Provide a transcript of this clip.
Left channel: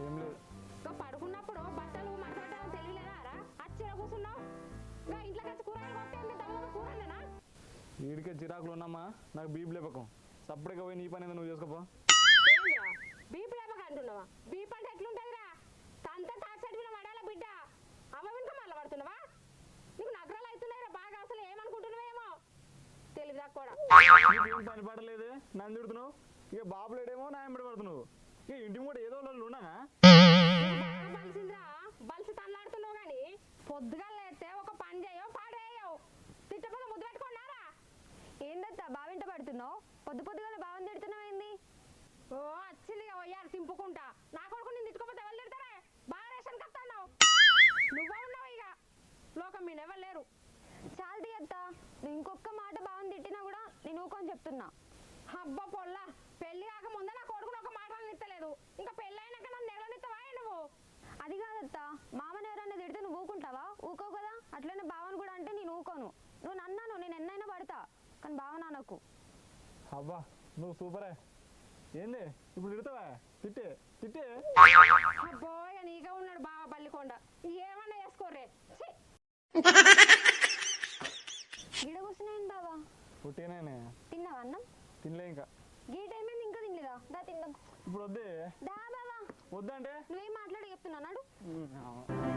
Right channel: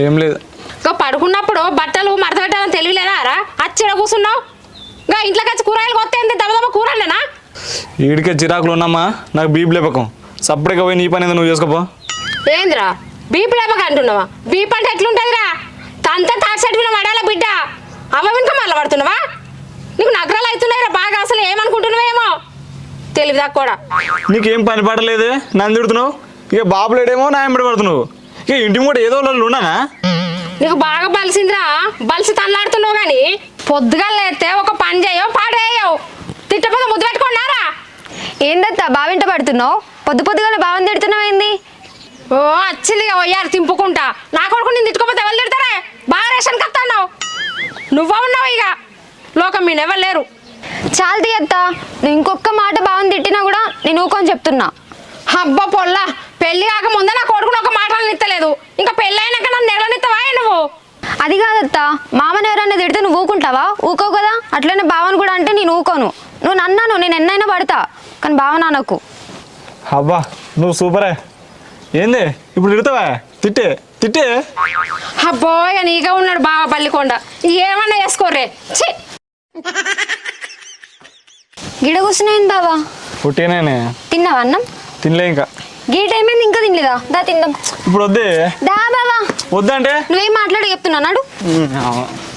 ఏం లేదు. ఇంకా పడుకున్నప్పుడు బట్టలు మడత పెట్టాలని తెలియలేదా రా? అచ్చిడ కూర్చున్నావు. ఇంకా ఇంట్లోకి వచ్చి కూరగాయలు కొత్త దెబ్బ కూరలేనా? ఈడికే చిరాకులు ఉన్నామా, నాకు బీపీ లేపకం. సప్పుడుగా పోయి నీ పని నువ్వు చేసుకోపో. ఏందిరా బీపీ లేపక అంటున్నావా? బీపీ అంటే ఎట్లుంటుందిరా? తంతా తాటి మీద పడాల బిడ్డ. అవ్వ వెనుక మళ్ళీ పడుతున్నావా? నీకు నగరాలు అవుతున్నాయిరా బాగా. అసలు ఏమనుకుంటున్నావేమో తెలివి కూడా. నీకేం పని పడలేదు, నన్ను తిడుతున్నావు. ఇక బాబులేడేమో నా ఎంబడి పడుతున్నావు. ఇక ఇంటి కూడా ఏదో వాళ్ళు ఉన్నానా? నీకు బాగా బలిసిందిరా. బలిసి తల్లాడుతున్నావు కానీ పొద్దుగా లేస్తే ఒక పని చేయవు పాడేయవు. తిట్టపోతే ముద్దు పెట్టుకున్నారా? ఏందత్తా బావింట పడుతున్నావు? పొద్దుగానే బావని తిడుతున్నావు ఏంది? ఓ వచ్చింది ఇక పోయారు తింపుకుంటా. నా కొడుకు నేను తిట్టుకోపోతే ఎవరు తిడతారే? బాగా రేషన్ కత్తన్నావు. నువ్వు ఉన్నావు ఇక లోకం మీద ఎవరు లేరు. చాలు అత్తా, నువ్వు ఇంకొక మాట బావని తిట్టినా కూడా నేను ఊకొని చెప్తున్నా. అబ్బా పొల్లా, పెళ్లి కాక ముందే నా కొడుకుని ఒక మాట నిత్తలేదు. ఇంకా పెళ్ళి అయినాక నన్ను నెలనిస్తావా నువ్వు? అది కాదత్తా, మామని ఎవరైనా తిడితే నువ్వు ఊకుంటావా? ఊకోవు కదా. అట్లనే బావని కూడా అంటే నేను ఊకోను. నువ్వు నన్నాను, నేను ఎన్నైనా పడతా, కానీ బావ నాన్నకు. అబ్బా నువ్వు సూపరే. ఏంది ఇప్పుడు తిడతావా? తిట్టే తిట్టే. అబ్బో ఇక నీగా ఉన్నాడు బావ పల్లికొండ. ఏమన్నా చేసుకోర్రే. ఛీ గిడ కూర్చున్నాయింది బావా. పుట్టినే తిన్నావా అన్నం? తినలే ఇంకా. గీ టైం ఏంది ఇంకా తినలేదా? దా తిందాం. ఇప్పుడు వద్దే. దా బావా. వద్దంటే నువ్వేం మాట్లాడి చెప్తున్నా నాడు.